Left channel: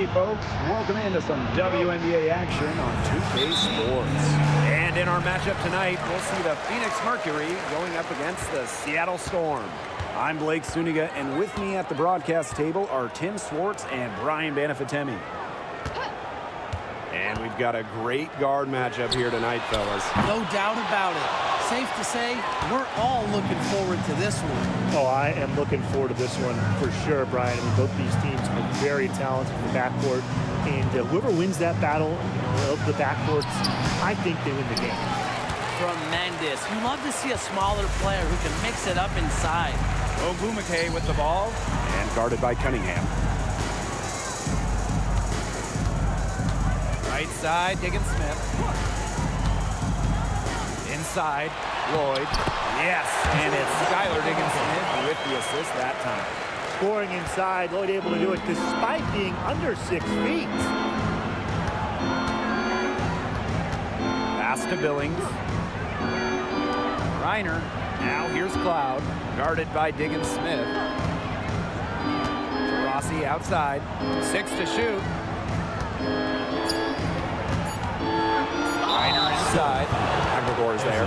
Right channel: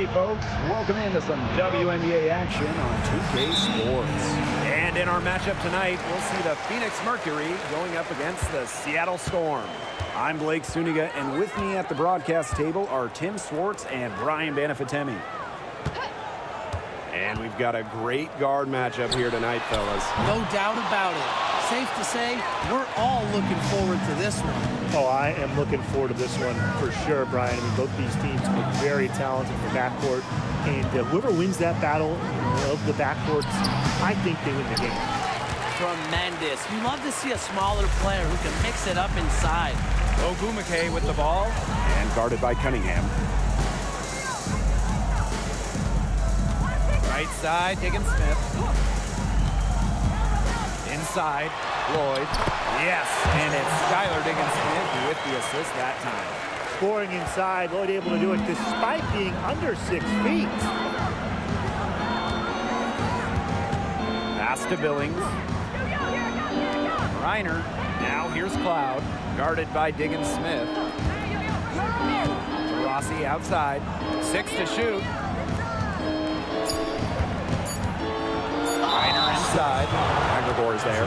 Hey folks, welcome into some WNBA action on 2K Sports. And in our matchup tonight, we'll see the Phoenix Mercury going up against the Seattle Storm. I'm Blake Suniga, and with me at the broadcast table are Tim Swartz and Brian Banafitemi. And we've got a great guard matchup here tonight, fellas. No doubt about it. Safe to say, we're all looking forward to this one. Oh, I am looking forward to this one for sure, Brian. I mean, both these teams are very talented in the backcourt, and whoever wins that battle, of the backcourts, I think they win the game. Tremendous. You love to see a smaller player who can mix it up inside. Ogumake with the ball, and guarded by Cunningham. Right side, Diggins-Smith. Inside, Lloyd. Yes, and it's Skylar Diggins-Smith with the assist that time. Scoring inside, Lloyd able to do it despite being under 6 feet. Pass to Billings. Reiner. Now here's Cloud, guarded by Diggins-Smith. Rossi outside. 6 to shoot. Reiner inside. Agregor is there.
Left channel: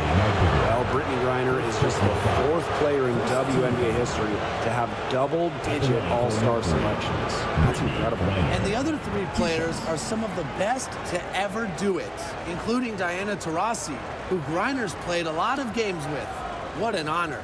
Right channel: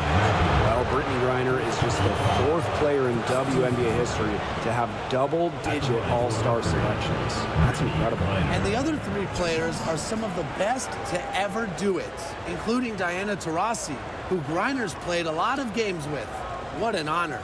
Well, Brittany Reiner is just the 4th player in WNBA history to have double-digit all-star selections. That's incredible. And the other 3 players are some of the best to ever do it, including Diana Taurasi, who Reiner's played a lot of games with. What an honor.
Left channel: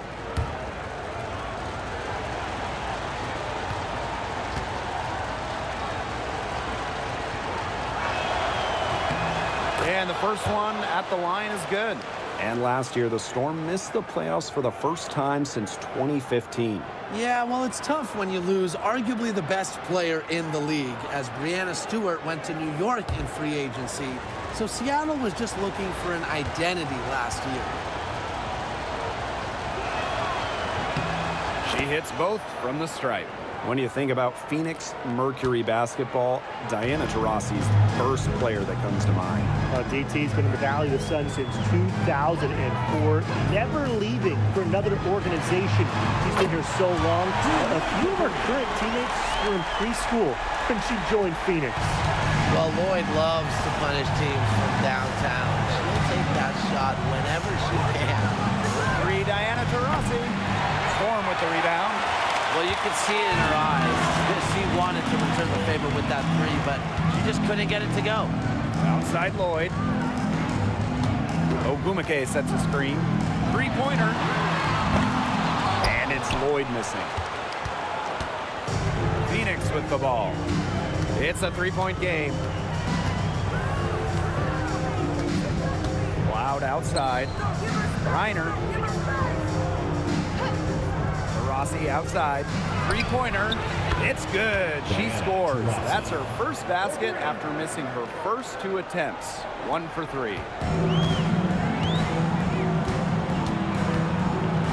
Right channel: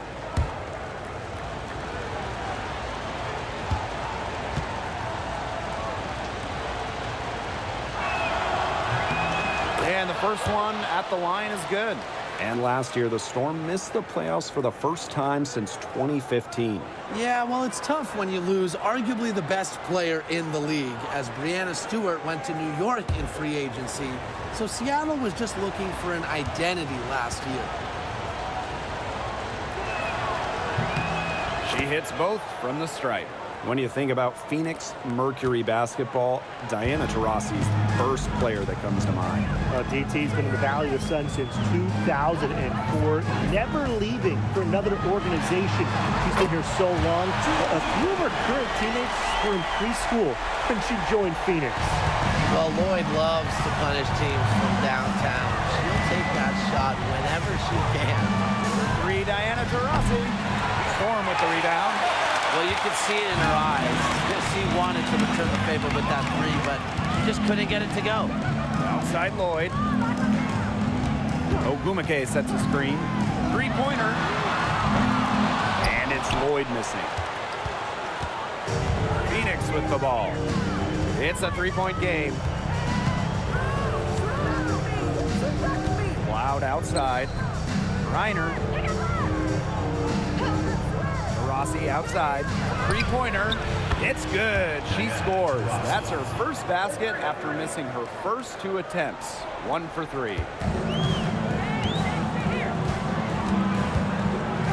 And the first one at the line is good. And last year, the Storm missed the playoffs for the first time since 2015. Yeah, well, it's tough when you lose arguably the best player in the league, as Breanna Stewart went to New York in free agency. So Seattle was just looking for an identity last year. She hits both from the stripe. When you think about Phoenix Mercury basketball, Diana Taurasi's the first player that comes to mind. DT's been in the Valley of the Sun since 2004, never leaving for another organization. She's been here so long. A few of her current teammates were in preschool when she joined Phoenix. Well, Lloyd loves to punish teams from downtown. She'll take that shot whenever she can. For 3, Diana Taurasi. Storm with the rebound. Well, you could see it in her eyes. She wanted to return the favor with that 3, but she just couldn't get it to go. Outside Lloyd. Ogumake sets a screen. 3-pointer. And it's Lloyd missing. Phoenix with the ball. It's a 3-point game. Cloud outside. Reiner. Rossi outside. 3-pointer. It's good. She scores. That's her first basket after missing her first 2 attempts. 1 for 3.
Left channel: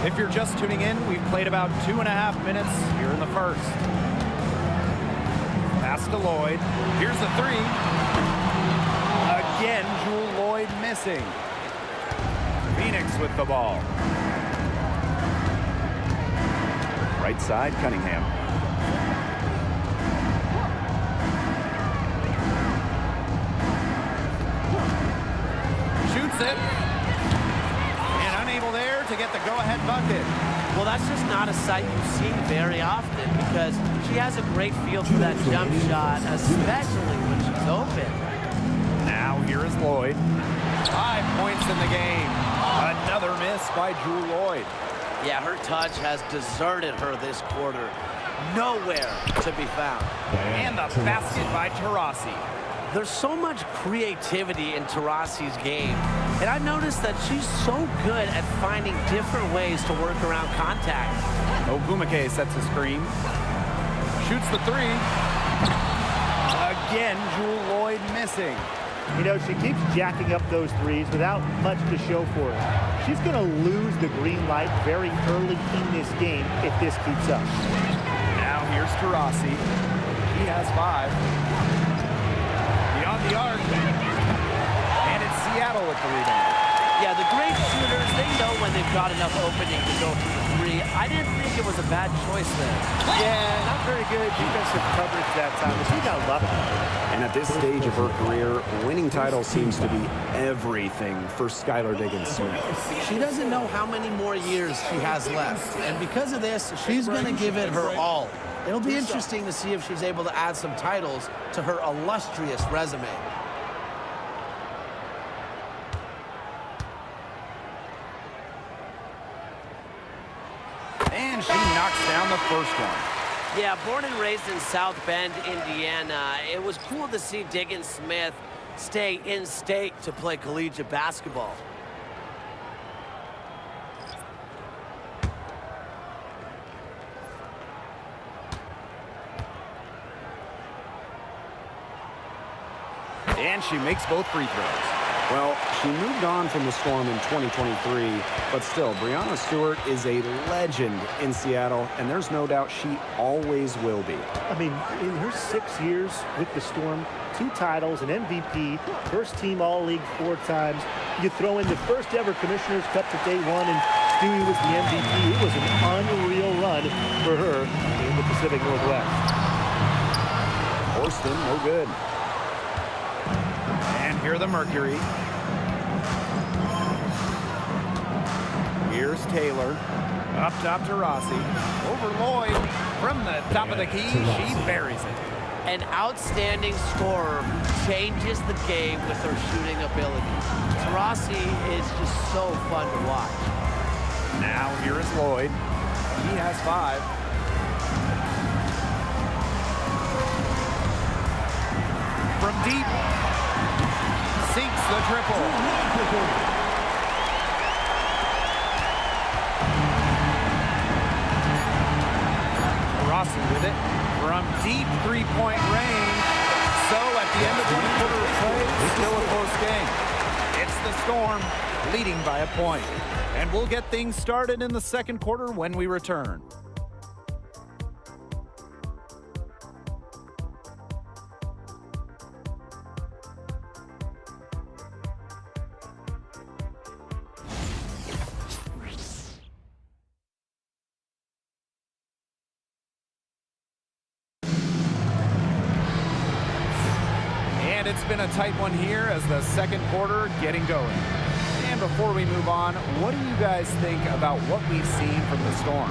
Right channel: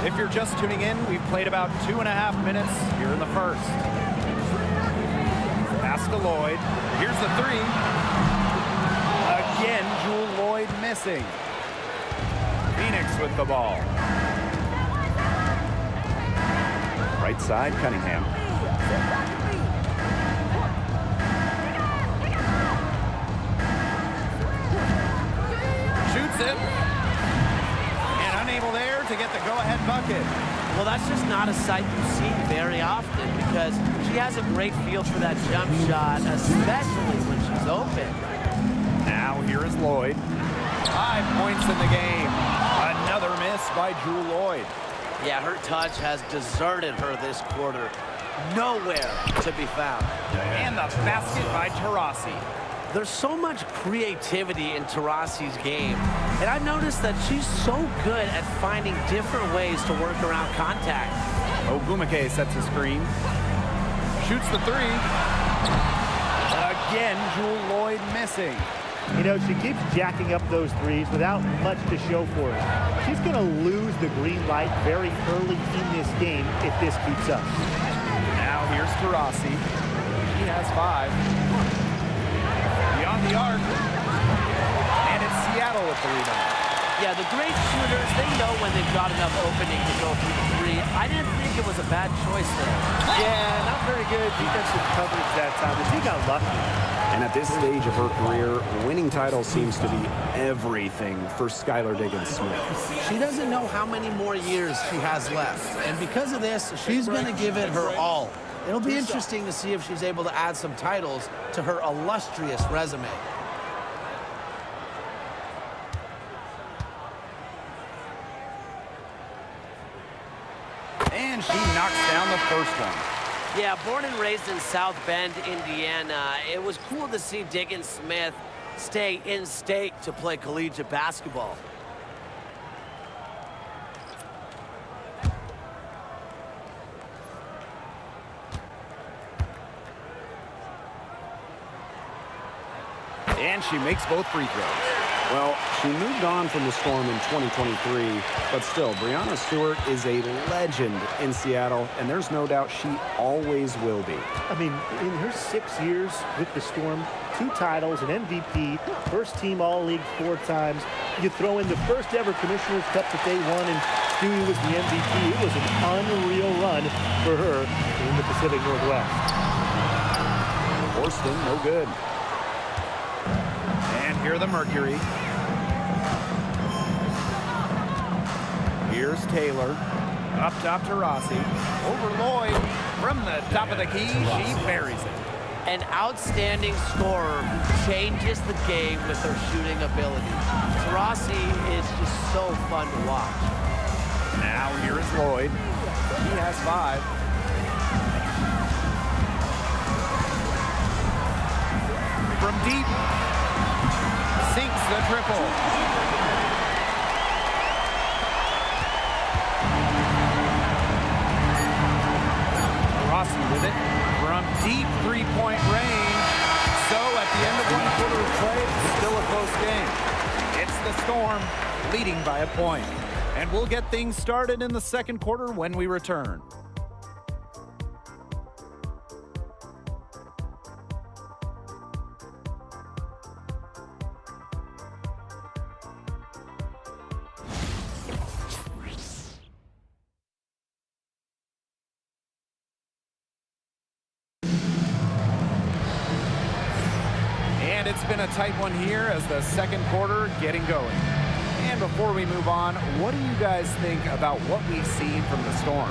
If you're just tuning in, we've played about 2.5 minutes here in the first. Pass to Lloyd. Here's the 3. Again, Jewel Lloyd missing. Phoenix with the ball. Right side, Cunningham. Shoots it. And unable there to get the go-ahead bucket. Well, that's just not a sight you see very often because she has a great feel for that jump shot, especially when she's open. Now here is Lloyd. 5 points in the game. Another miss by Jewel Lloyd. Yeah, her touch has deserted her this quarter. Nowhere to be found. And the basket by Taurasi. There's so much creativity in Taurasi's game, and I've noticed that she's so good at finding different ways to work around contact. Ogumake sets a screen. Shoots the 3. Again, Jewel Lloyd missing. You know, she keeps jacking up those 3s without much to show for it. She's going to lose the green light very early in this game if this keeps up. Now here's Taurasi. She has 5. Beyond the arc. And it's Seattle with the rebound. Yeah, the great shooters, they know when they've got enough opening to go for the three. I didn't think it was a bad choice there. Yeah, not very good defensive coverage that time. But she got lucky. And at this stage of her career, winning titles seems to be everything for Skylar Diggins-Smith. She doesn't know how many more years she has left. And because of this, she's going to give it her all. It'll be interesting to see if she's able to add some titles to her illustrious resume. And she knocks down the first one. Yeah, born and raised in South Bend, Indiana, it was cool to see Diggins-Smith stay in state to play collegiate basketball. And she makes both free throws. Well, she moved on from the Storm in 2023, but still, Breanna Stewart is a legend in Seattle, and there's no doubt she always will be. I mean, in her 6 years with the Storm, 2 titles, an MVP, first team All-League 4 times. You throw in the first ever Commissioner's Cup that they won, and Stewie was the MVP. It was an unreal run for her in the Pacific Northwest. Horston, no good. And here the Mercury. Here's Taylor. Up top to Rossi. Over Lloyd. From the top of the key, she buries it. An outstanding scorer who changes the game with her shooting ability. Taurasi is just so fun to watch. Now here is Lloyd. He has 5. From deep. Sinks the triple. Rossi with it from deep three-point range. So at the end of one quarter of play, still a close game. It's the Storm leading by a point. And we'll get things started in the second quarter when we return. And it's been a tight one here as the second quarter getting going. And before we move on, what do you guys think about what we've seen from the Storm?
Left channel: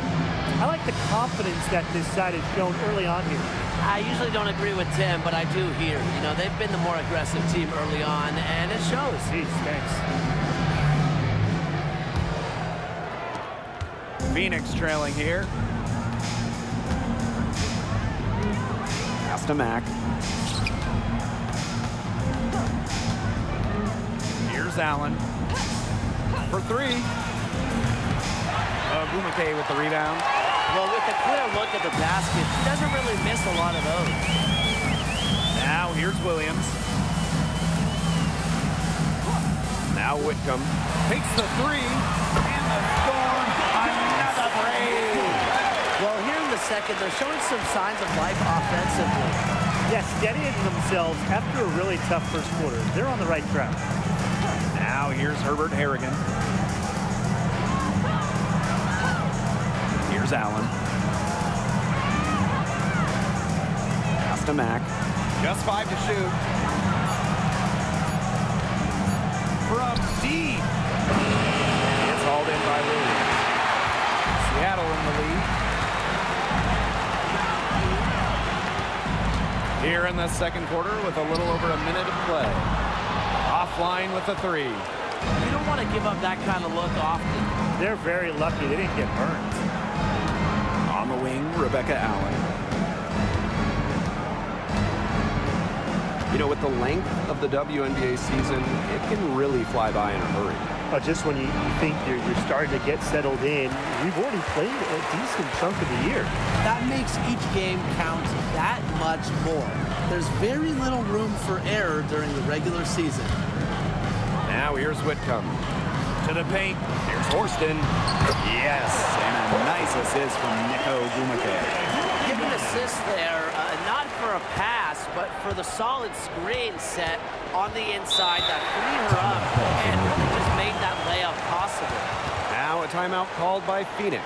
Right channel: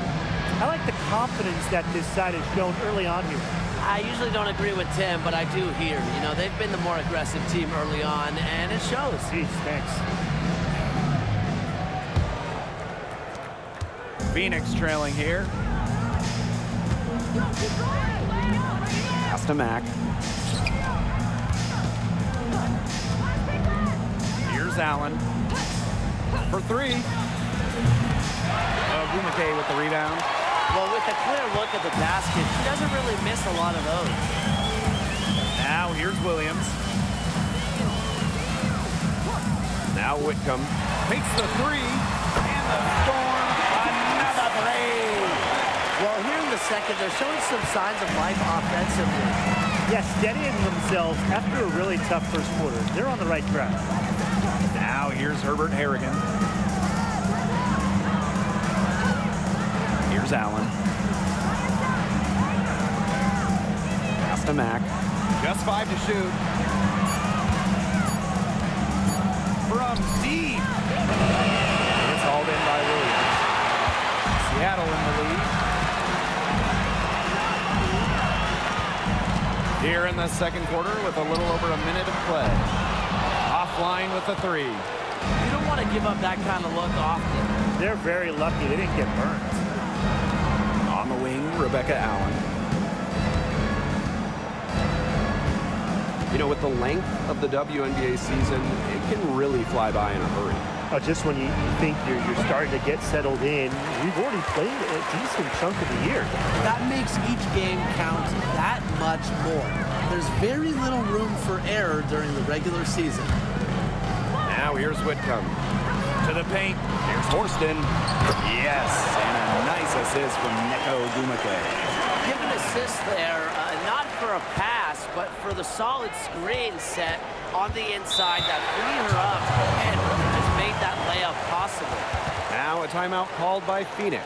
I like the confidence that this side has shown early on here. I usually don't agree with Tim, but I do here. You know, they've been the more aggressive team early on, and it shows. Jeez, thanks. Phoenix trailing here. Pass to Mack. Here's Allen. For 3. Gumake with the rebound. Well, with a clear look at the basket, she doesn't really miss a lot of those. Now here's Williams. Now Whitcomb takes the 3. And the Storm, another 3. Well, here in the second, they're showing some signs of life offensively. Yeah, steadying themselves after a really tough first quarter. They're on the right track. Now here's Herbert Harrigan. Here's Allen. Pass to Mack. Just 5 to shoot. From deep. It's hauled in by Williams. Seattle in the lead. Here in the second quarter with a little over a minute of play. Offline with the 3. You don't want to give up that kind of look often. They're very lucky they didn't get burned. On the wing, Rebecca Allen. You know, with the length of the WNBA season, it can really fly by in a hurry. Just when you think you're starting to get settled in, we've already played a decent chunk of the year. That makes each game count that much more. There's very little room for error during the regular season. Now here's Whitcomb. To the paint. Here's Horston. Yes, and a nice assist from Neko Gumake. give an assist there, not for a pass, but for the solid screen set on the inside that freed her up and really just made that layup possible. Now a timeout called by Phoenix.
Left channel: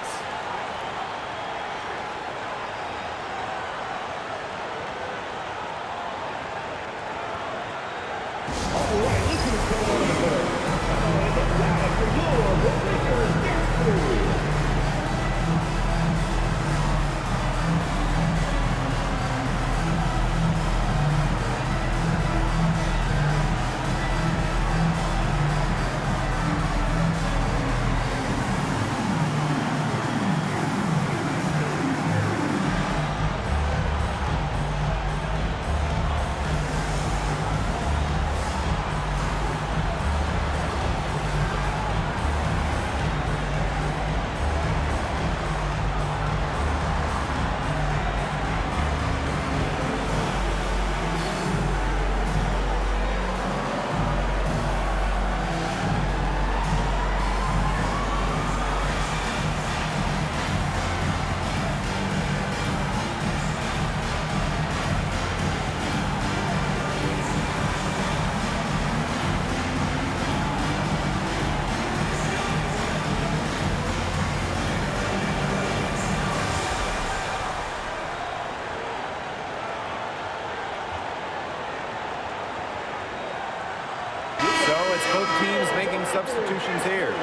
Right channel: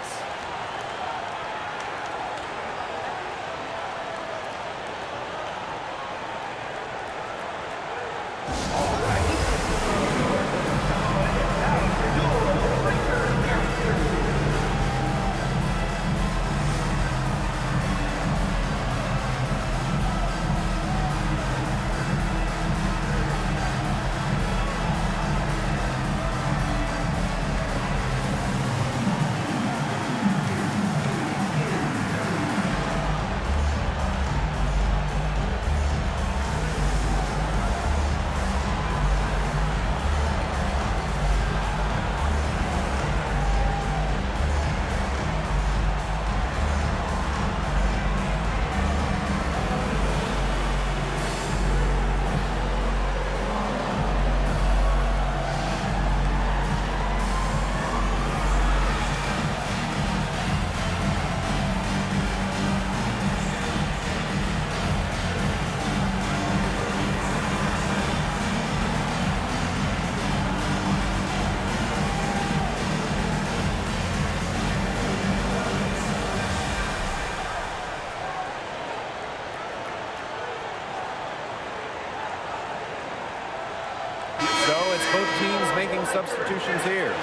So it's both teams making substitutions here.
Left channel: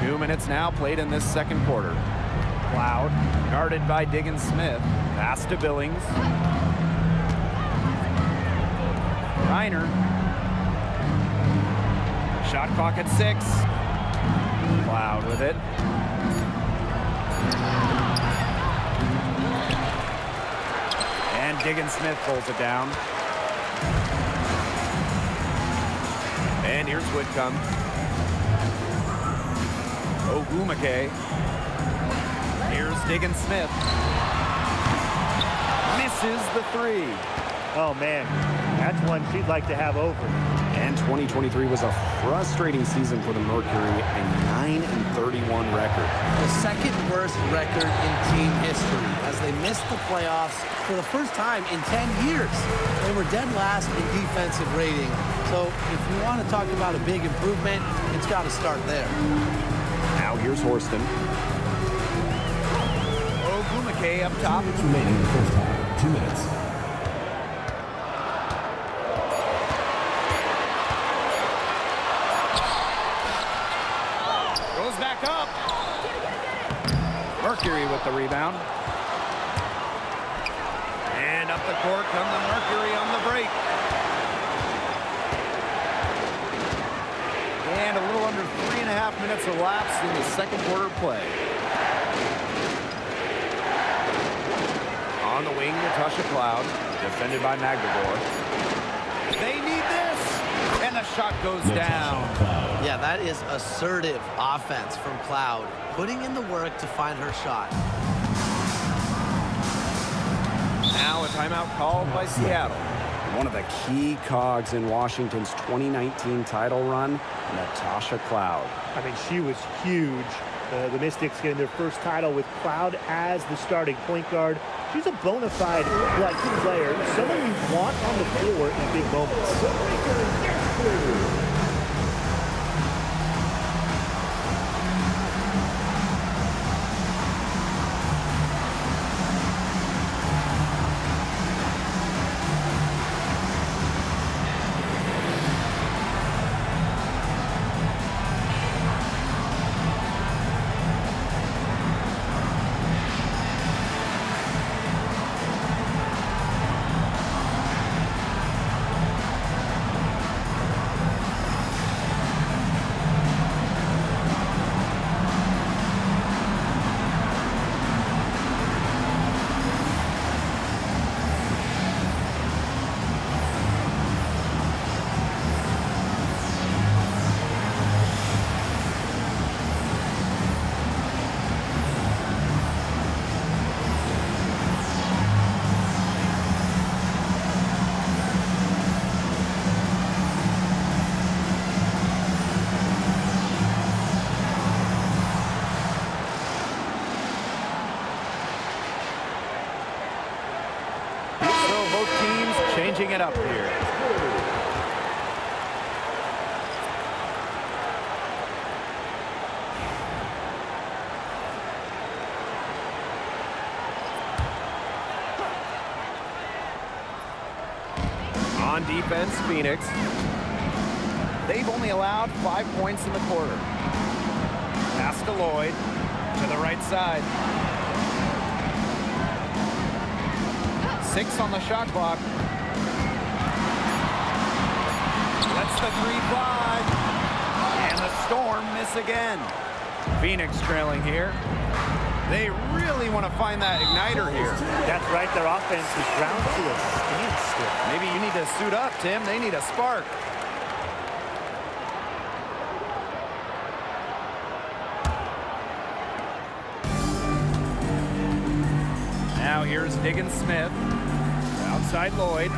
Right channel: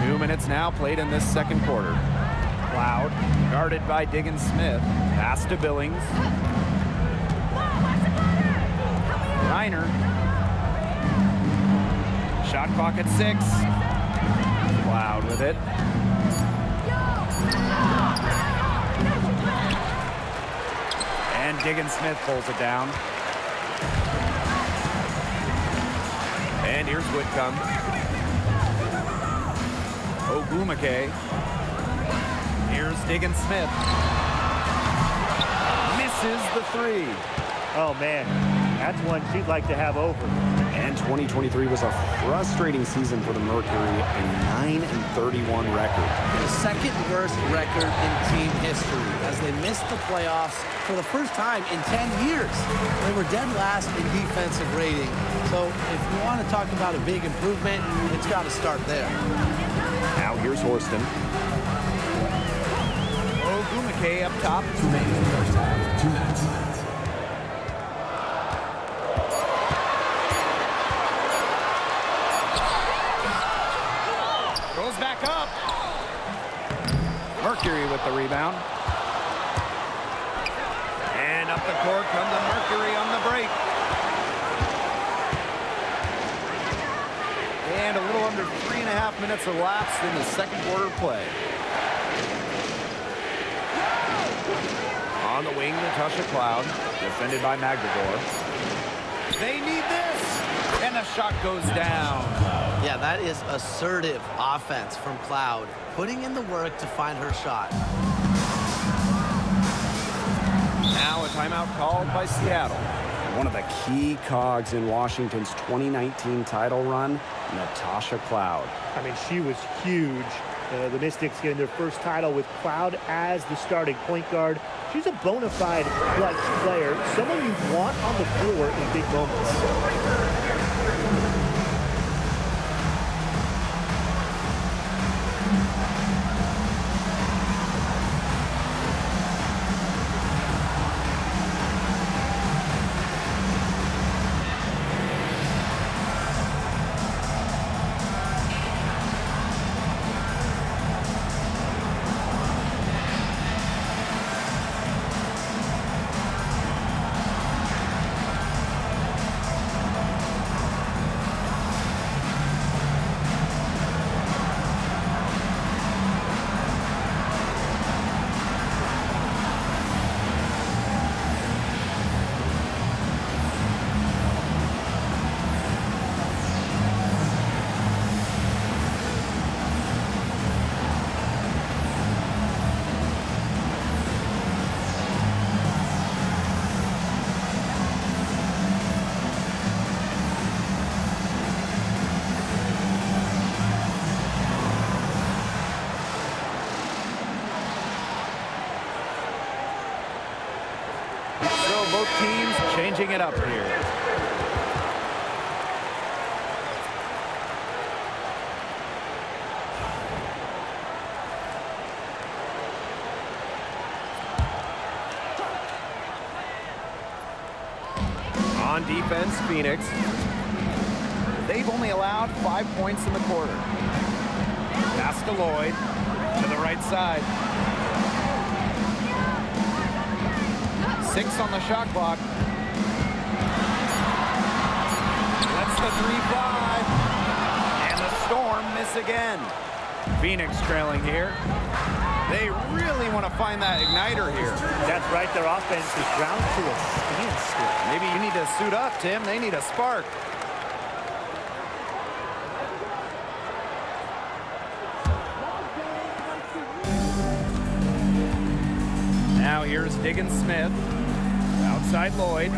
Two minutes now played in this second quarter. Cloud, guarded by Diggins Smith. Pass to Billings. Reiner. Shot clock at 6. Cloud with it. And Diggins Smith pulls it down. And here's Whitcomb. Ogumake. Here's Diggins Smith. Misses the 3. Oh, man, that's one she'd like to have over. And 2023 was a frustrating season for the Mercury, a 9-31 record. The second worst record in team history as they missed the playoffs for the first time in 10 years. They were dead last in defensive rating. So if you want to talk about a big improvement, it's got to start there. Now here's Horston. Ogumake up top. Remaining in the first half. 2 minutes. Goes back up. Mercury with the rebound. And up the court come the Mercury on the break. And a little under 3.5 minutes elapsed in the second quarter play. On the wing, Natasha Cloud, defended by Magdagor. They need this, and the shot goes down. Yeah, that is assertive offense from Cloud, putting in the work to find her shot. Now a timeout called by Seattle. And one of the key cogs in Washington's 2019 title run, Natasha Cloud. I mean, she was huge. The Mystics getting their first title with Cloud as the starting point guard. She's a bona fide clutch player, someone you want on the floor in big moments. So both teams changing it up here. On defense, Phoenix. They've only allowed 5 points in the quarter. Pass to Lloyd, to the right side. 6 on the shot clock. Lets the 3 fly. And the Storm miss again. Phoenix trailing here. They really want to find that igniter here. That's right. Their offense is ground to a standstill. Maybe you need to suit up, Tim. They need a spark. Now here's Diggins-Smith. Outside Lloyd.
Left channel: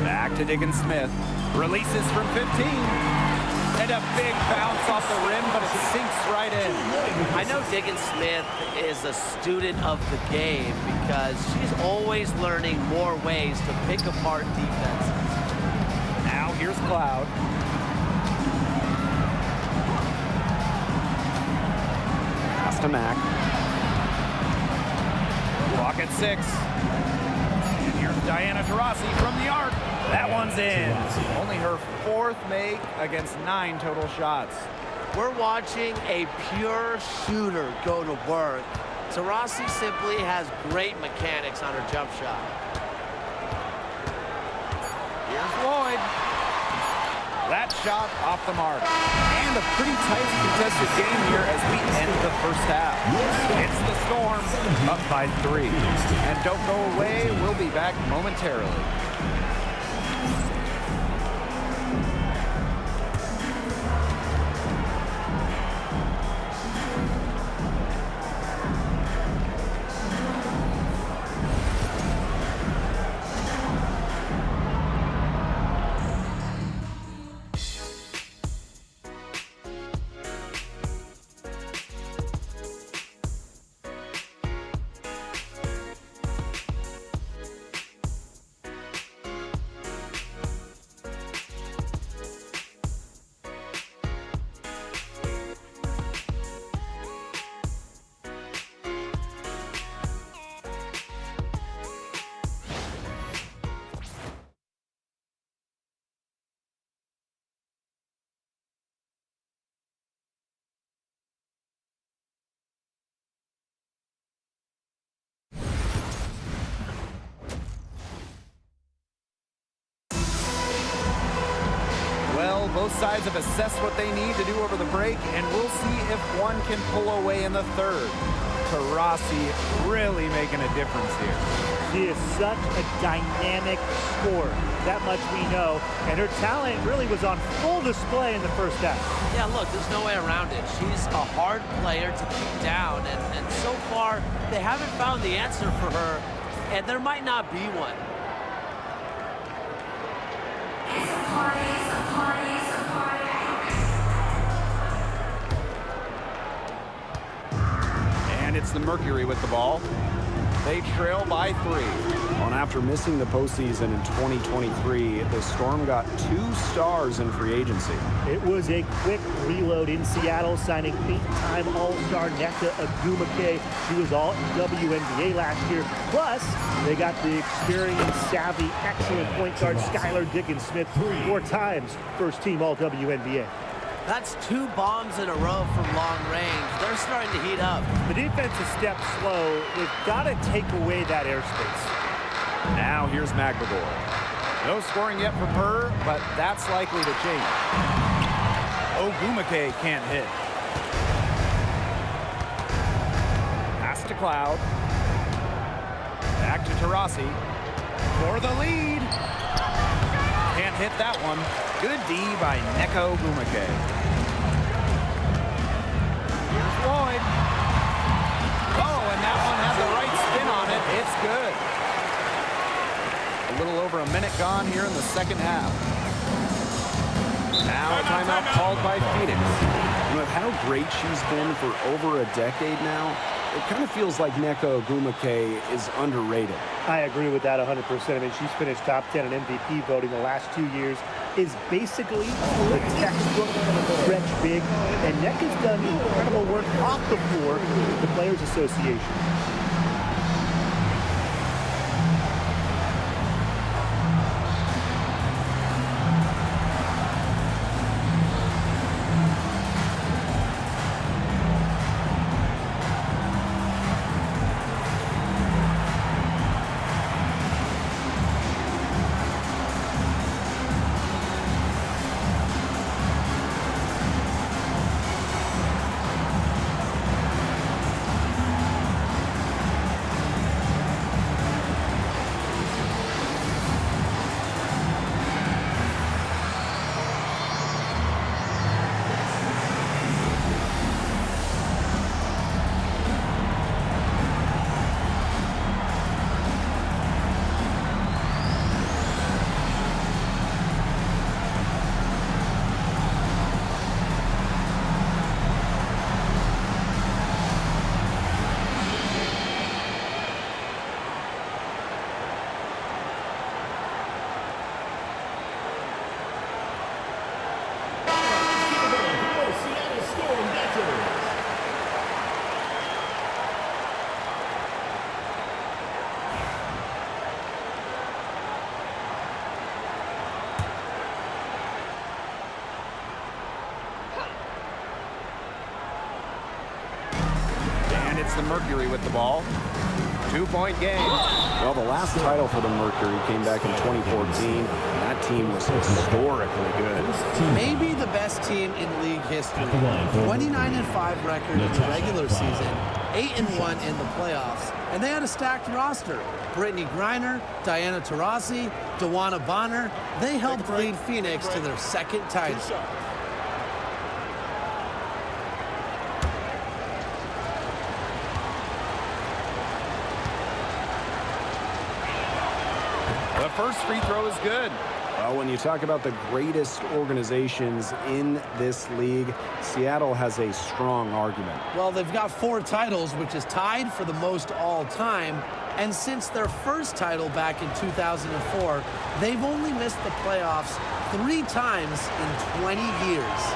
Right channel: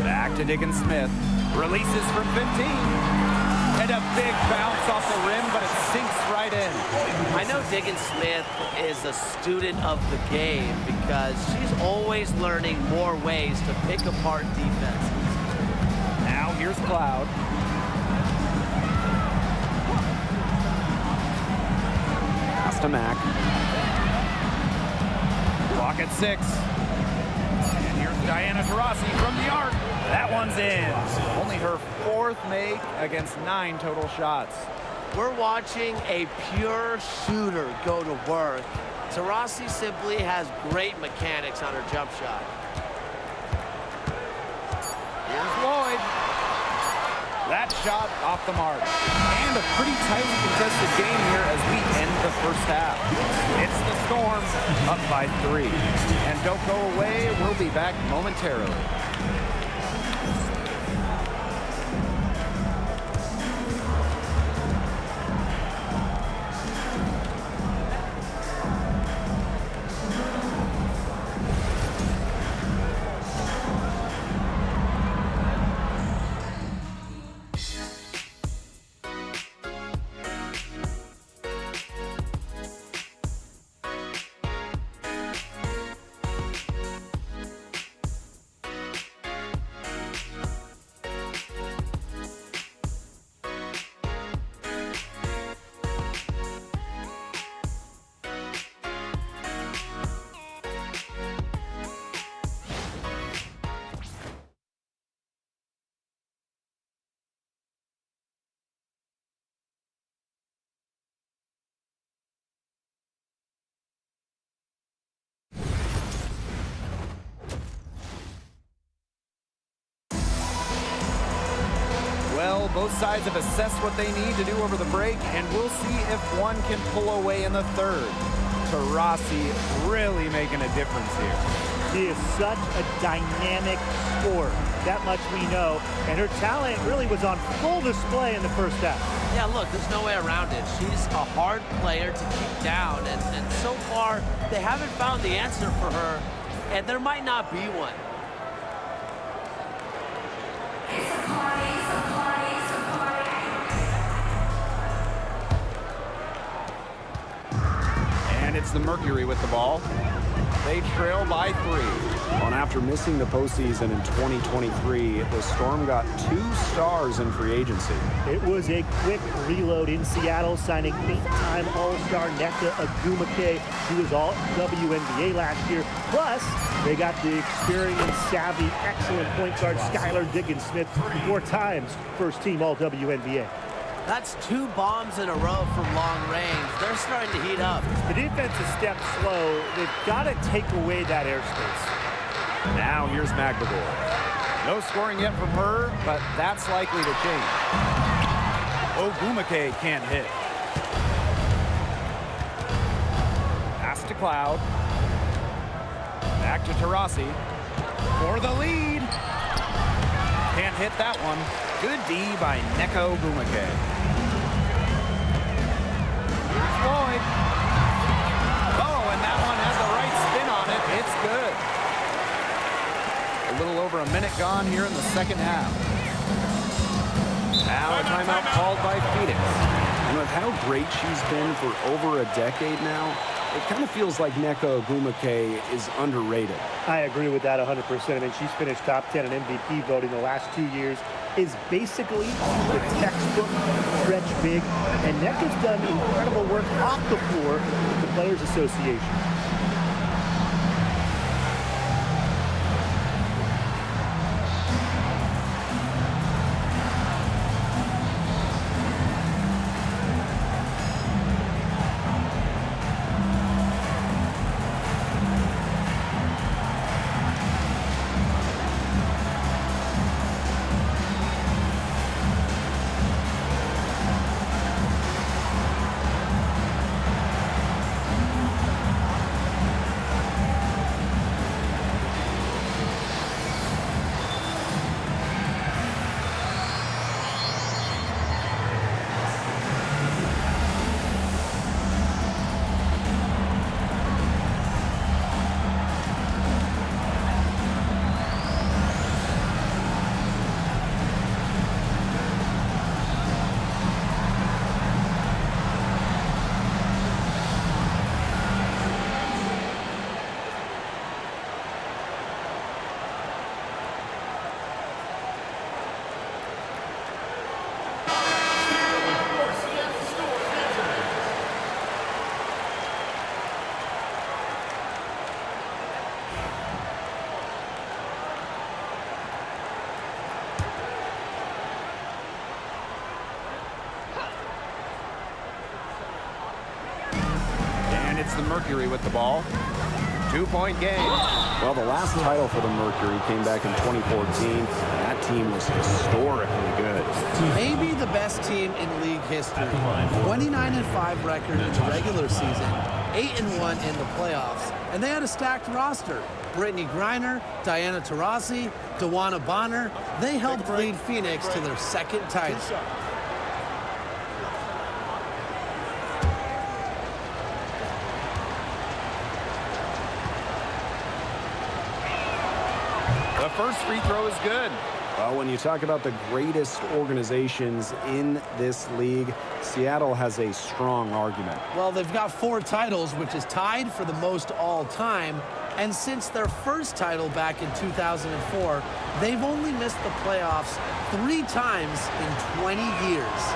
Back to Diggins-Smith. Releases from 15. And a big bounce off the rim, but it sinks right in. I know Diggins-Smith is a student of the game because she's always learning more ways to pick apart defenses. Now here's Cloud. Pass to Mack. Clock at 6. And here's Diana Taurasi from the arc. That one's in. Only her 4th make against 9 total shots. We're watching a pure shooter go to work. Taurasi simply has great mechanics on her jump shot. Here's Lloyd. That shot off the mark. And a pretty tightly contested game here as we end the first half. It's the Storm up by 3. And don't go away. We'll be back momentarily. Well, both sides have assessed what they need to do over the break, and we'll see if one can pull away in the third. Taurasi really making a difference here. She is such a dynamic scorer. That much we know. And her talent really was on full display in the first half. Yeah, look, there's no way around it. She's a hard player to keep down, and so far, they haven't found the answer for her, and there might not be one. It's a party, it's a party, it's a party. And it's the Mercury with the ball. They trail by 3. And after missing the postseason in 2023, the Storm got 2 stars in free agency. It was a quick reload in Seattle, signing 8-time All-Star Nneka Ogwumike. She was all WNBA last year. Plus, they got the experienced, savvy, excellent point guard Skylar Diggins-Smith, 4 times first-team All-WNBA. That's 2 bombs in a row from long range. They're starting to heat up. The defense is stepped slow. They've got to take away that airspace. Now here's Magdagor. No scoring yet from her, but that's likely to change. Ogwumike can't hit. Pass to Cloud. Back to Taurasi for the lead. Can't hit that one. Good D by Nneka Ogwumike. Here's Lloyd. Oh, and that one had the right spin on it. It's good. A little over a minute gone here in the second half. Now a timeout called by Phoenix. And with how great she's been for over a decade now, it kind of feels like Neko Ogwumike is underrated. I agree with that 100%. I mean, she's finished top 10 in MVP voting the last 2 years, is basically the textbook stretch big, and Neka's done incredible work off the floor with the Players Association. And it's the Mercury with the ball. 2-point game. Well, the last title for the Mercury came back in 2014, and that team was historically good. Maybe the best team in league history. 29-5 record in the regular season, 8-1 in the playoffs, and they had a stacked roster. Brittany Griner, Diana Taurasi, Dawana Bonner, they helped lead Phoenix to their second title. The first free throw is good. Well, when you talk about the greatest organizations in this league, Seattle has a strong argument. Well, they've got 4 titles, which is tied for the most all time. And since their first title back in 2004, they've only missed the playoffs 3 times in 20 years.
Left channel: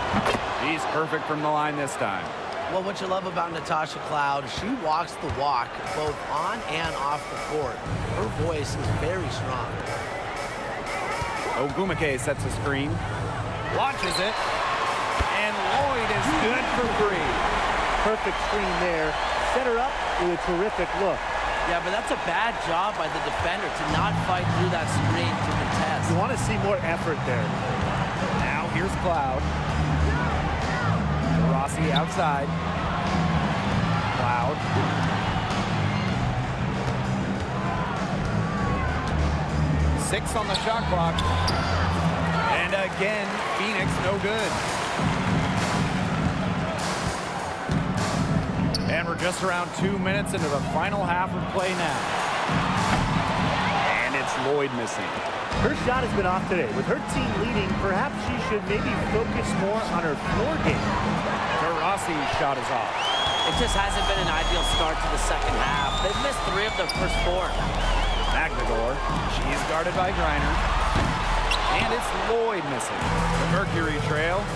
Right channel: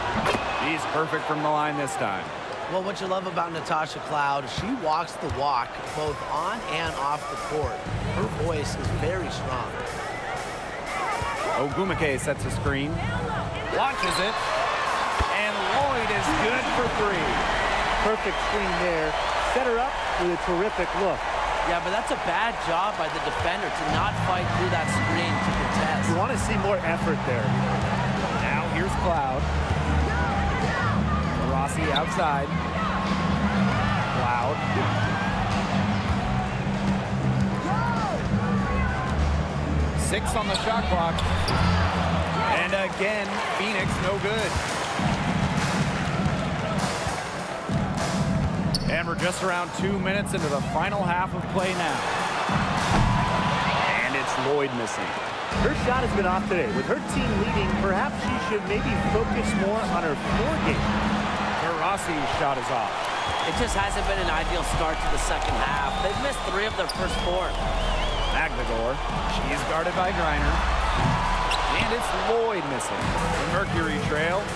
He's perfect from the line this time. Well, what you love about Natasha Cloud, she walks the walk both on and off the court. Her voice is very strong. Ogwumike sets a screen, launches it, and Lloyd is good for 3. Perfect screen there. Set her up with a terrific look. Yeah, but that's a bad job by the defender to not fight through that screen to contest. You want to see more effort there. Now here's Cloud. Rossi outside. Cloud. Six on the shot clock. And again, Phoenix no good. And we're just around 2 minutes into the final half of play now. And it's Lloyd missing. Her shot has been off today. With her team leading, perhaps she should maybe focus more on her floor game. Rossi's shot is off. It just hasn't been an ideal start to the second half. They've missed 3 of their first 4. Magdagor, she's guarded by Griner. And it's Lloyd missing. The Mercury trail.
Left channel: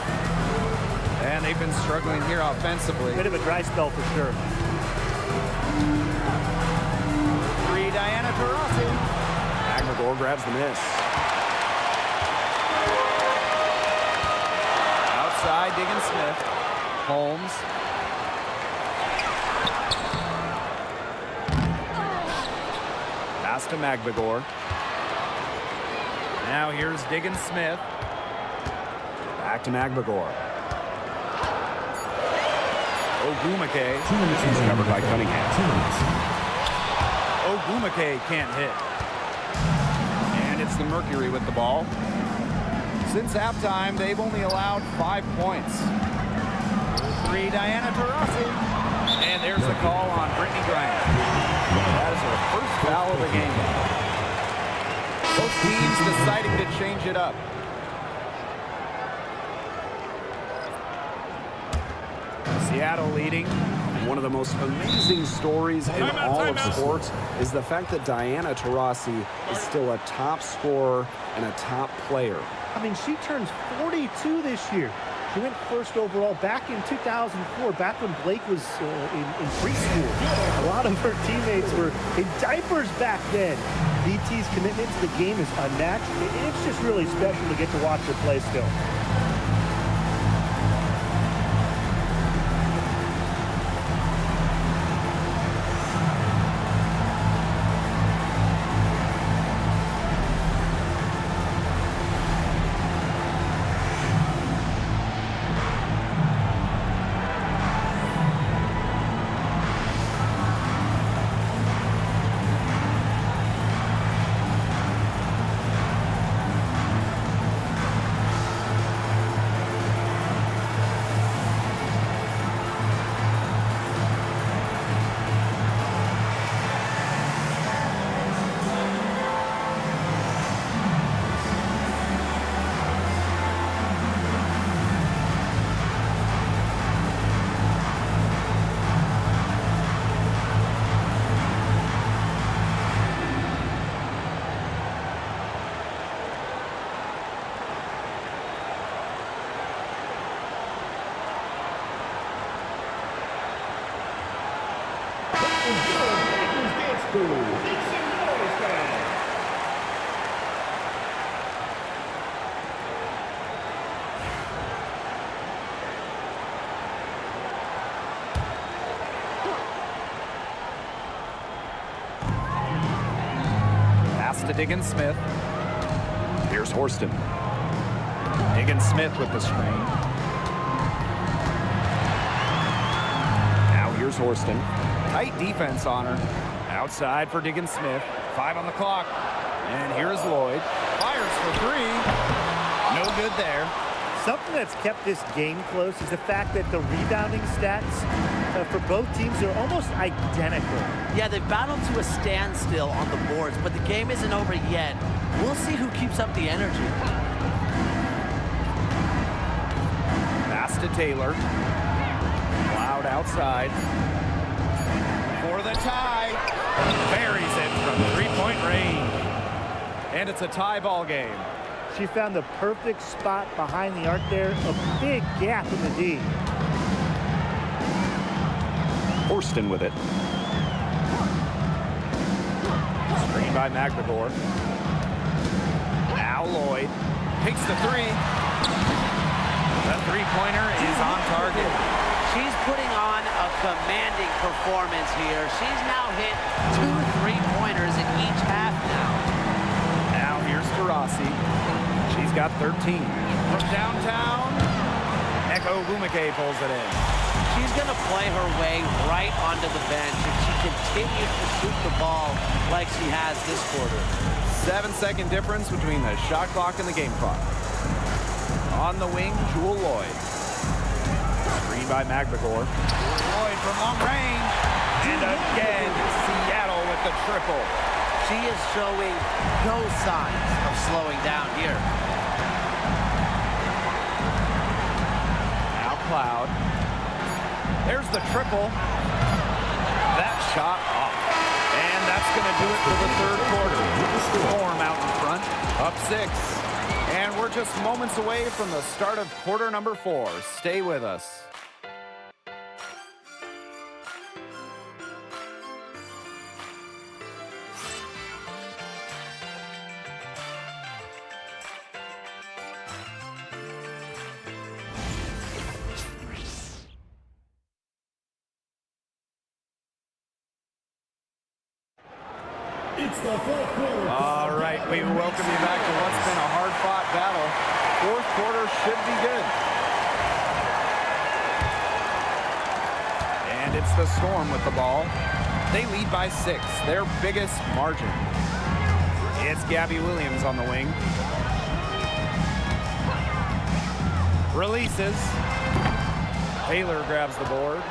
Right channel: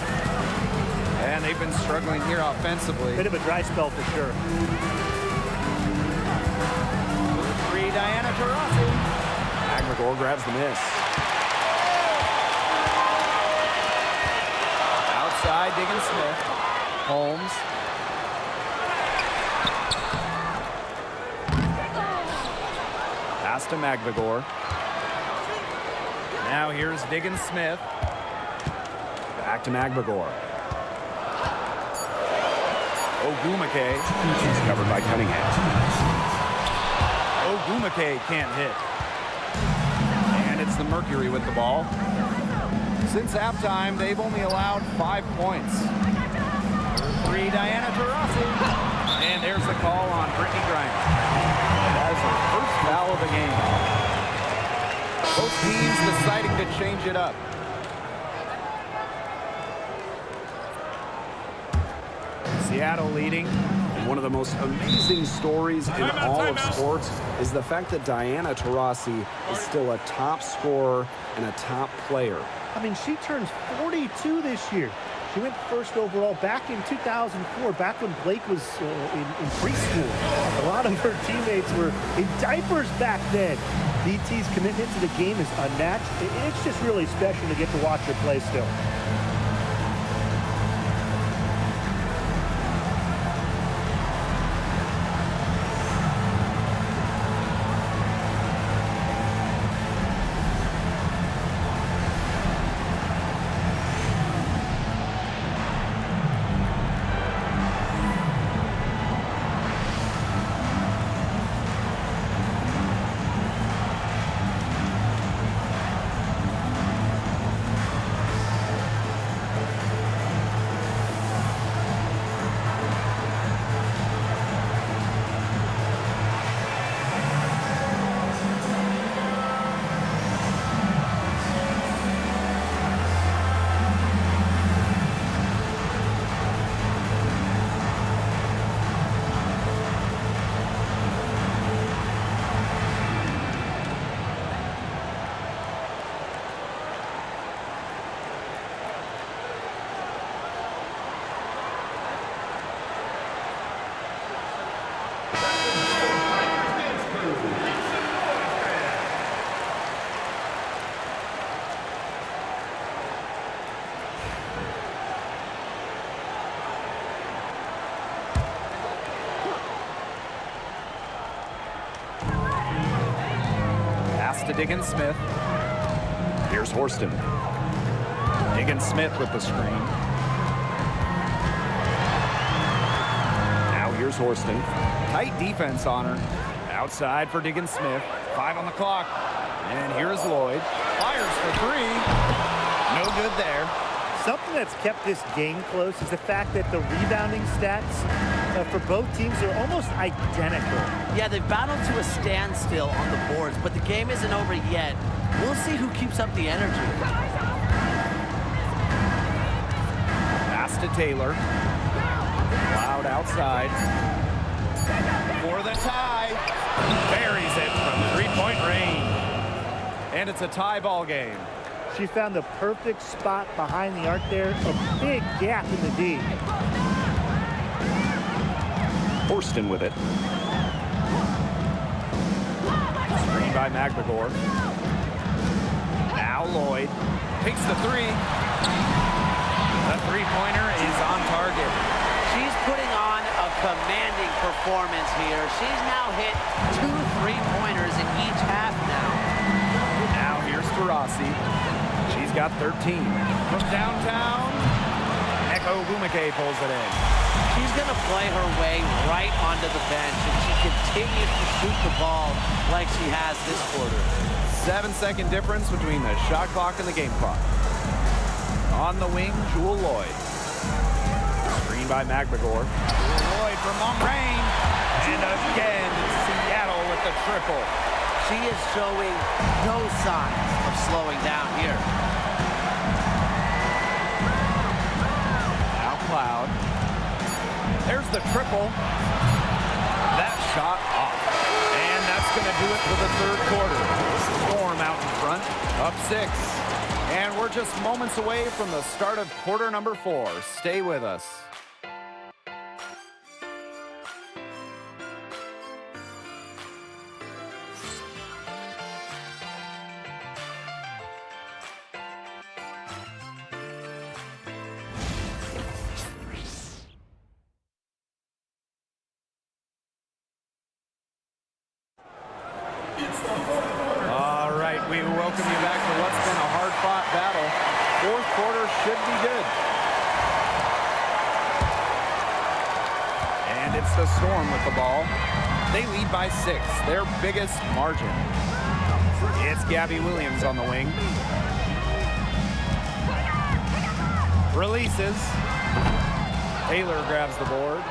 And they've been struggling here offensively. Bit of a dry spell for sure. 3, Diana Taurasi. Magdagor grabs the miss. Outside, Diggin Smith. Holmes. Pass to Magdagor. Now here's Diggin Smith. Back to Magdagor. Ogwumike. She's covered by Cunningham. Ogwumike can't hit. And it's the Mercury with the ball. Since halftime, they've only allowed 5 points. 3, Diana Taurasi. And there's the call on Brittany Griner. That is her first foul of the game. Both teams deciding to change it up. Seattle leading And one of the most amazing stories in all of sports is the fact that Diana Taurasi is still a top scorer and a top player. I mean, she turns 42 this year. She went first overall back in 2004, back when Blake was in preschool. A lot of her teammates were in diapers back then. DT's commitment to the game is unmatched, and it's just really special to get to watch her play still. Pass to Diggins-Smith. Here's Horston. Diggins-Smith with the screen. Now here's Horston. Tight defense on her. Outside for Diggins-Smith. 5 on the clock. And here's Lloyd. Fires for 3. No good there. Something that's kept this game close is the fact that the rebounding stats for both teams are almost identical. Yeah, they've battled to a standstill on the boards, but the game isn't over yet. We'll see who keeps up the energy. Pass to Taylor. Loud outside. For the tie. Buries it from three-point range. And it's a tie ball game. She found the perfect spot behind the arc there, a big gap in the D. Horston with it. Screen by Magbagor. Now Lloyd takes the 3. The three-pointer is on target. She's putting on a commanding performance here. She's now hit 2 3-pointers in each half now. Now here's Taurasi. She's got 13. From downtown, Neko Gumake pulls it in. She's going to play her way right onto the bench if she continues to shoot the ball like she has this quarter. 7-second difference between the shot clock and the game clock. On the wing, Jewel Lloyd. Screen by Magbagor. Lloyd from long range. And again, Seattle with the triple. She is showing no signs of slowing down here. Now Cloud. There's the triple. That shot off. And that's going to do it for the third quarter. Storm out in front, up 6. And we're just moments away from the start of quarter number 4. Stay with us. All right, we welcome you back to what's been a hard-fought battle. Fourth quarter should be good. And it's the Storm with the ball. They lead by 6, their biggest margin. It's Gabby Williams on the wing. Releases. Taylor grabs the board.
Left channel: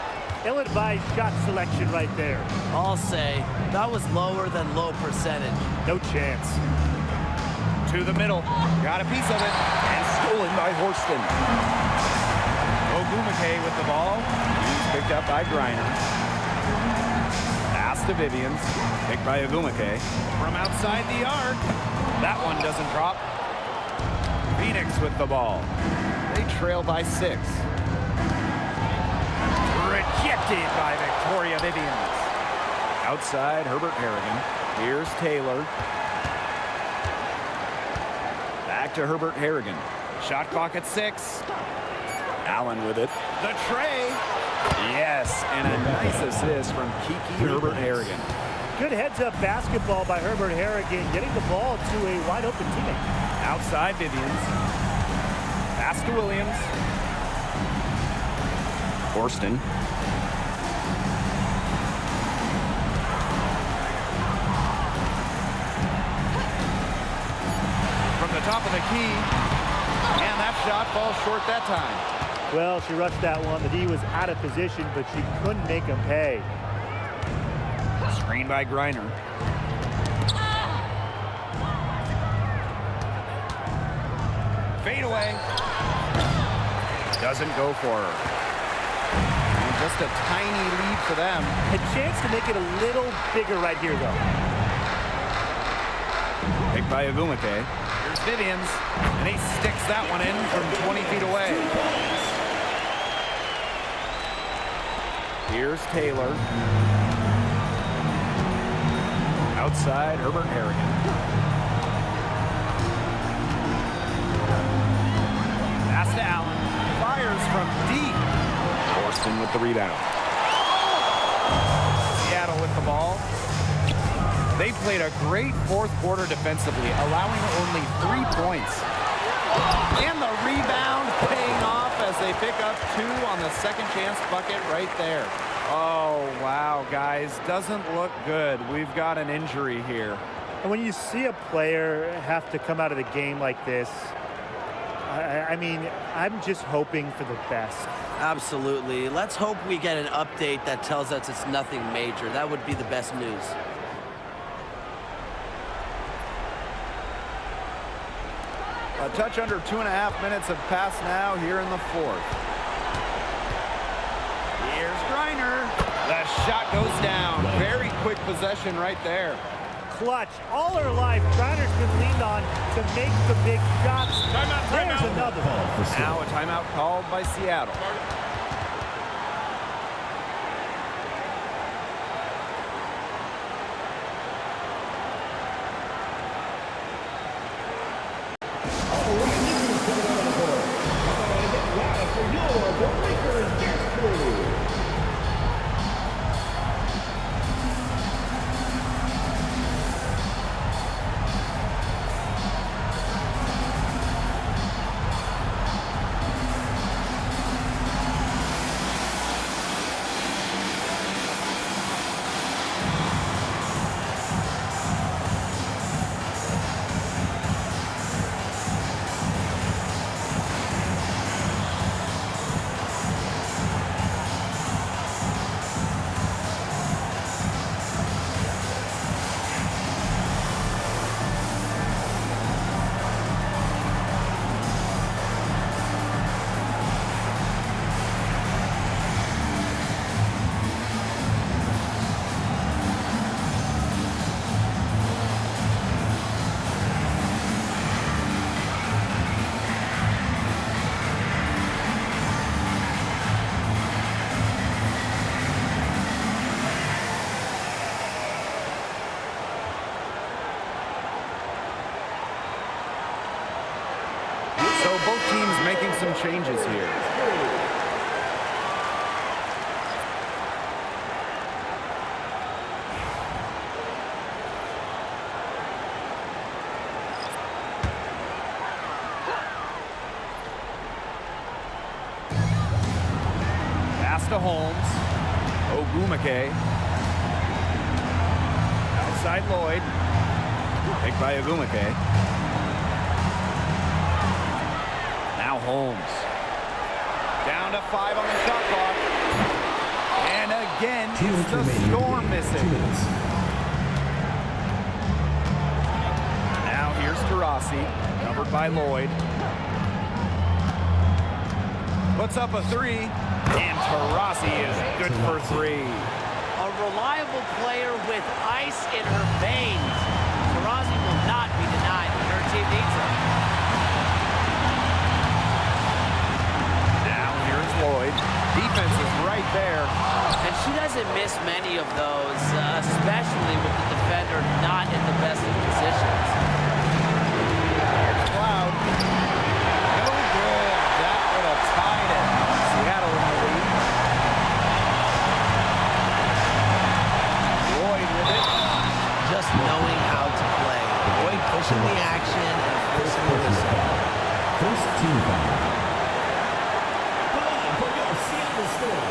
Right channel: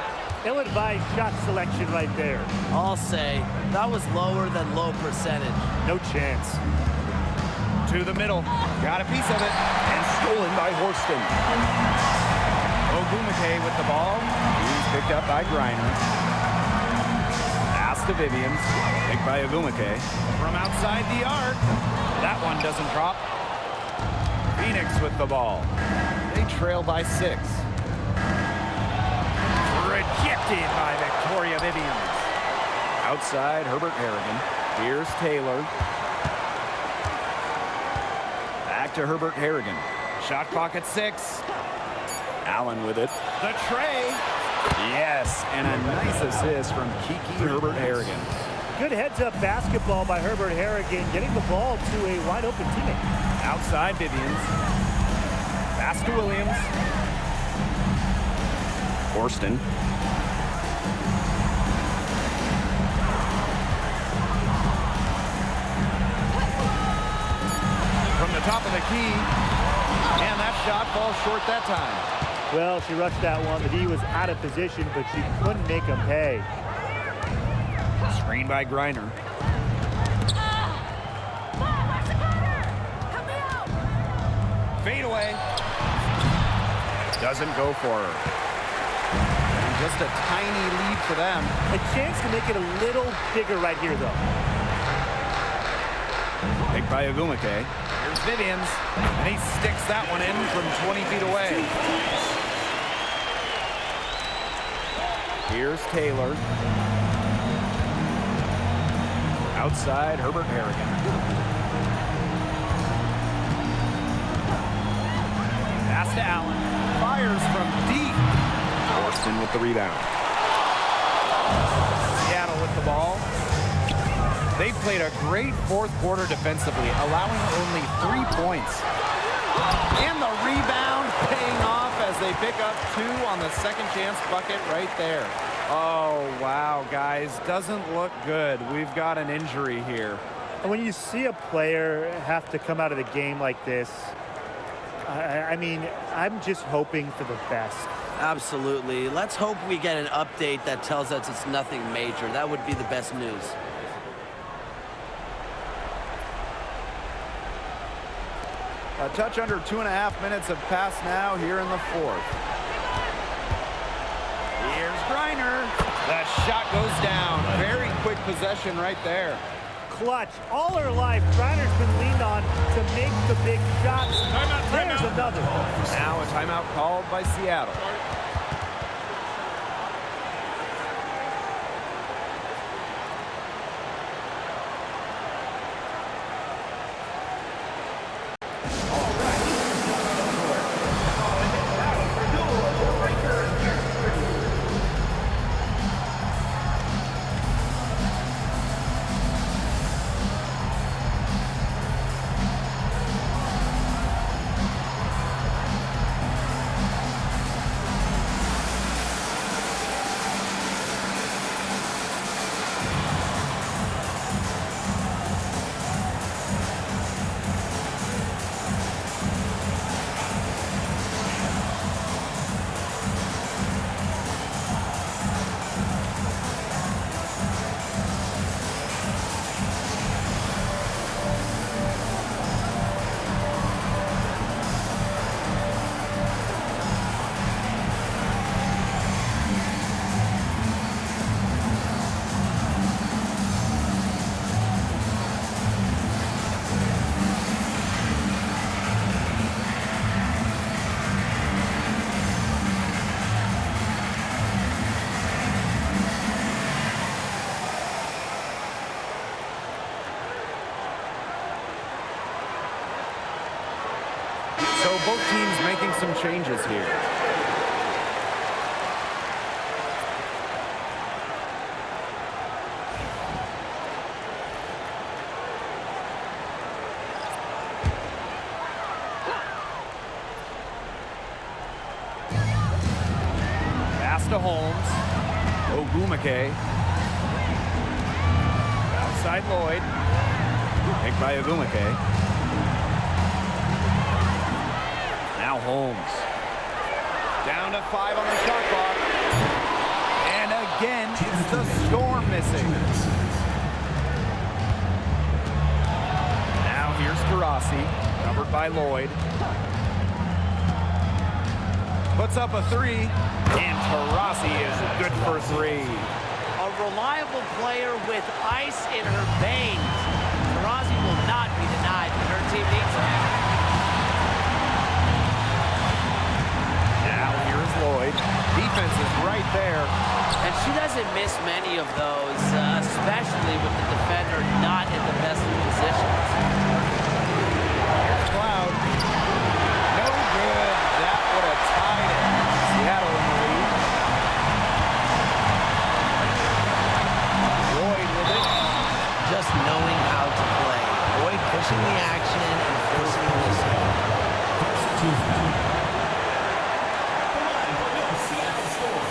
Ill-advised shot selection right there. I'll say that was lower than low percentage. No chance. To the middle. Got a piece of it. And stolen by Horston. Ogumake with the ball. He's picked up by Griner. Pass to Vivians. Picked by Ogumake. From outside the arc. That one doesn't drop. Phoenix with the ball. They trail by 6. Rejected by Victoria Vivians. Outside, Herbert Harrigan. Here's Taylor. Back to Herbert Harrigan. Shot clock at 6. Allen with it. The tray. Yes, and a nice assist from Kiki Herbert Harrigan. Good heads-up basketball by Herbert Harrigan, getting the ball to a wide-open teammate. Outside Vivians. Pass to Williams. Orston. From the top of the key. And that shot falls short that time. Well, she rushed that one. The D was out of position, but she couldn't make him pay. Screen by Griner. Fade away. Doesn't go for her. And just a tiny lead for them. A chance to make it a little bigger right here, though. Picked by Ogumake. Here's Vivians. And he sticks that one in from 20 feet away. Here's Taylor. Outside, Herbert Harrigan. Pass to Allen. Fires from deep. Orston with the rebound. Seattle with the ball. They played a great fourth quarter defensively, allowing only 3 points. And the rebound paying off as they pick up 2 on the second chance bucket right there. Oh, wow, guys. Doesn't look good. We've got an injury here. And when you see a player have to come out of the game like this, I mean, I'm just hoping for the best. Absolutely. Let's hope we get an update that tells us it's nothing major. That would be the best news. A touch under 2.5 minutes have passed now here in the fourth. Here's Griner. That shot goes down. Very quick possession right there. Clutch. All her life, Griner's been leaned on to make the big shots. There's another. Now a timeout called by Seattle. So both teams making some changes here. Pass to Holmes. Ogumake. Outside Lloyd. Picked by Ogumake. Now Holmes. Down to 5 on the shot clock. And again, it's the Storm missing. Now here's Taurasi, covered by Lloyd. Puts up a three, and Taurasi is good for three. A reliable player with ice in her veins. Taurasi will not be denied when her team needs her. Now here's Lloyd. Defense is right there. And she doesn't miss many of those, especially with the defender not in the best of positions. Here's Cloud. No good. That would have tied it. Seattle in the lead. Lloyd with it. Just knowing how to play. Lloyd pushing the action and forcing the whistle. First team foul. At the line for your Seattle score,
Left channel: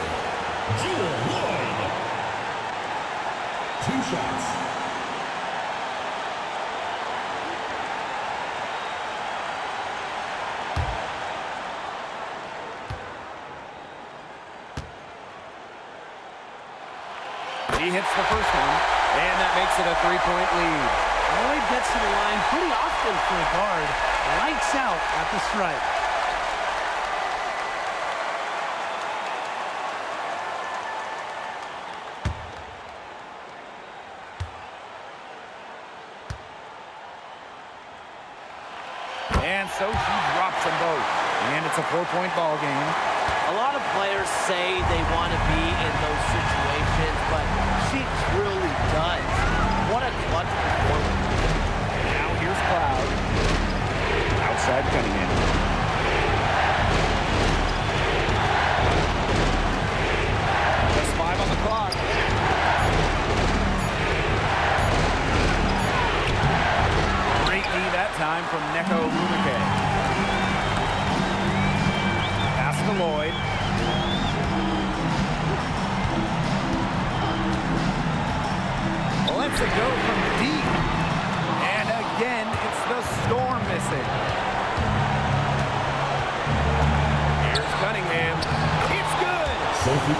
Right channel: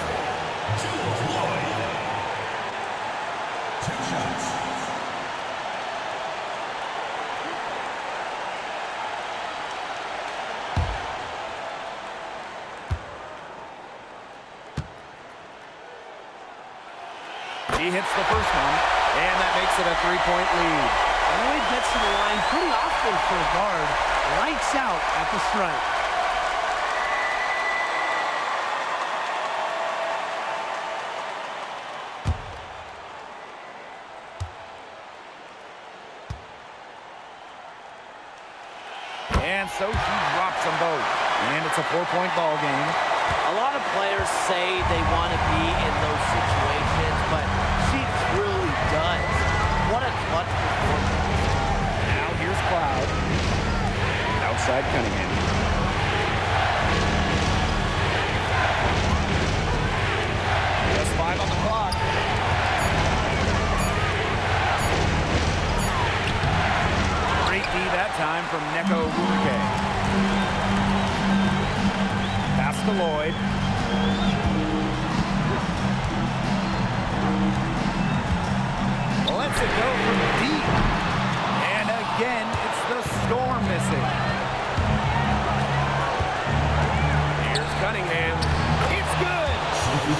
Jewel Lloyd. 2 shots. He hits the first one, and that makes it a 3-point lead. Lloyd gets to the line pretty often for a guard. Lights out at the stripe. And so she drops them both. And it's a 4-point ball game. A lot of players say they want to be in those situations, but she truly does. What a clutch performance. Now here's Cloud. Outside Cunningham. Just 5 on the clock. Great D that time from Neko Bumake. Pass to Lloyd. Lets it go from deep. And again, it's the Storm missing. Here's Cunningham. It's good.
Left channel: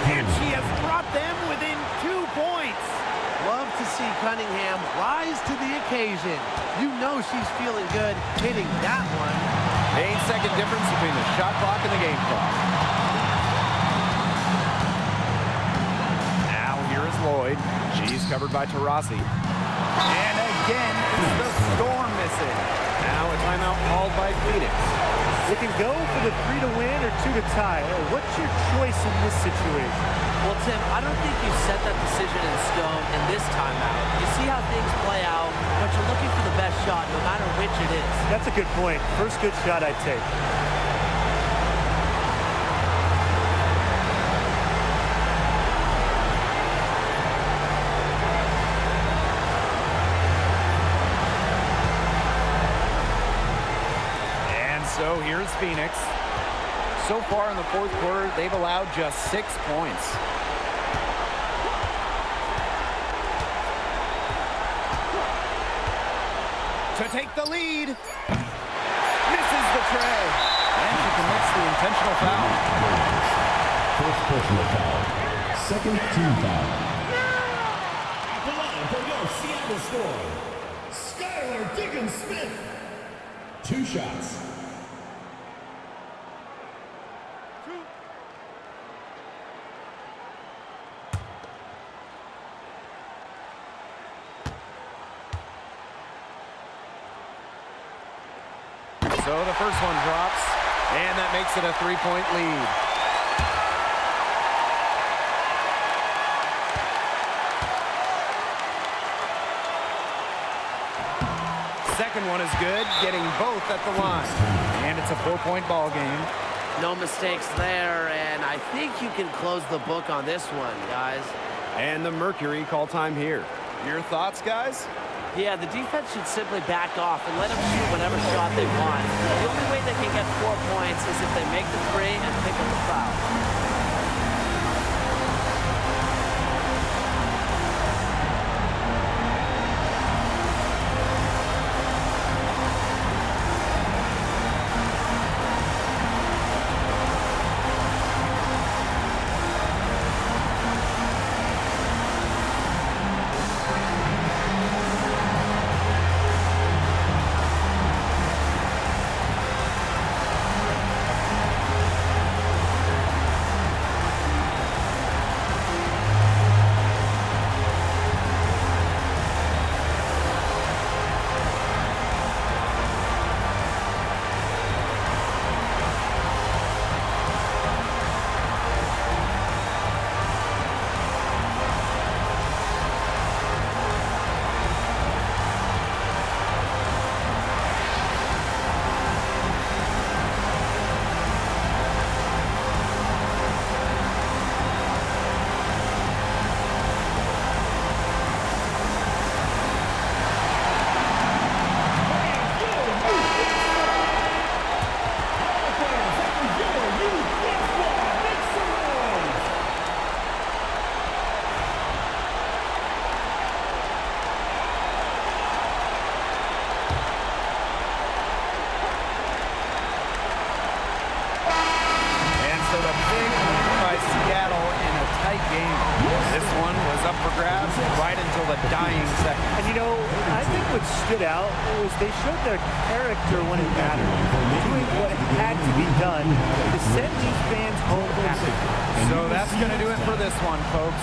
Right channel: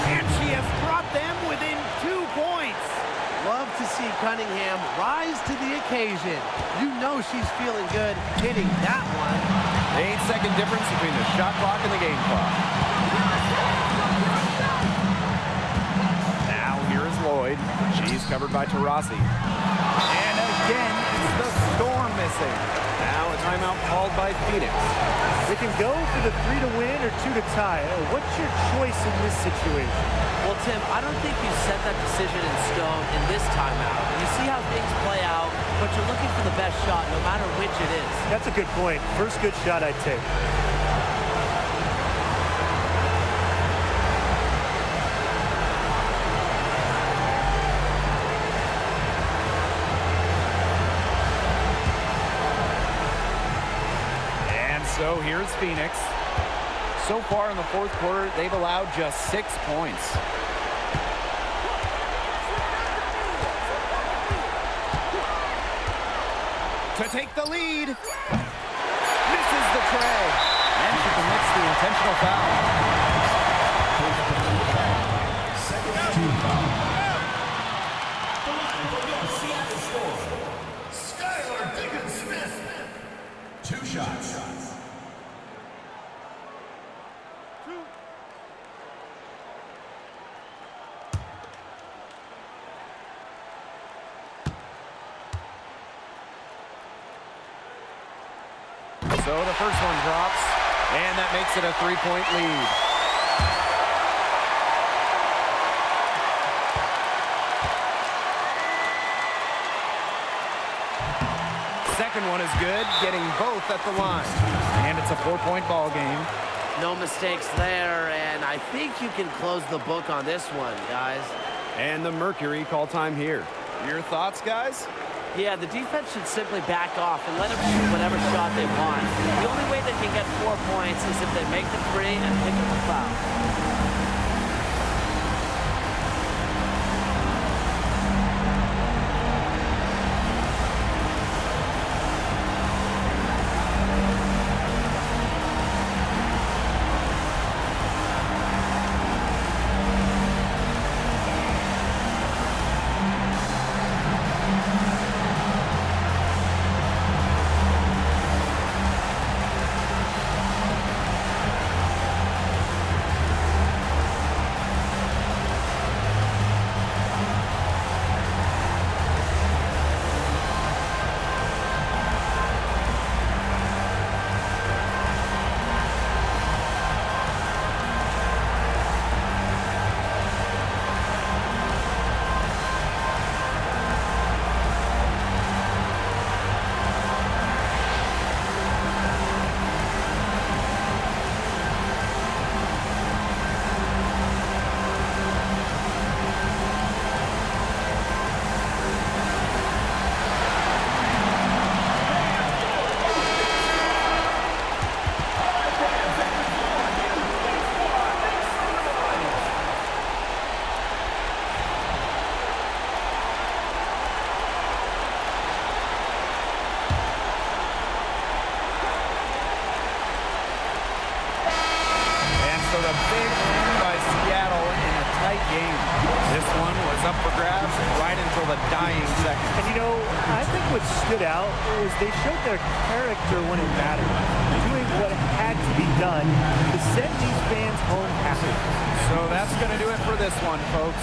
And she has brought them within 2 points. Love to see Cunningham rise to the occasion. You know she's feeling good hitting that one. 8-second difference between the shot clock and the game clock. Now here is Lloyd. She's covered by Taurasi. And again, it's the Storm missing. Now a timeout called by Phoenix. They can go for the 3 to win or 2 to tie. What's your choice in this situation? Well, Tim, I don't think you set that decision in stone in this timeout. You see how things play out, but you're looking for the best shot no matter which it is. That's a good point. First good shot I'd take. So here's Phoenix. So far in the fourth quarter, they've allowed just 6 points. To take the lead. Misses the tray. And she commits the intentional foul. First personal foul. Second team foul. At the line for your Seattle score, Skylar Diggins-Smith. 2 shots. So the first one drops, and that makes it a 3-point lead. Second one is good, getting both at the line. And it's a 4-point ball game. No mistakes there, and I think you can close the book on this one, guys. And the Mercury call time here. Your thoughts, guys? Yeah, the defense should simply back off and let them shoot whatever shot they want. The only way they can get 4 points is if they make the 3 and pick up a foul. So the big win by Seattle in a tight game. This one was up for grabs right until the dying seconds. And you know, I think what stood out was they showed their character when it mattered, doing what had to be done to send these fans home happy. So that's going to do it for this one, folks.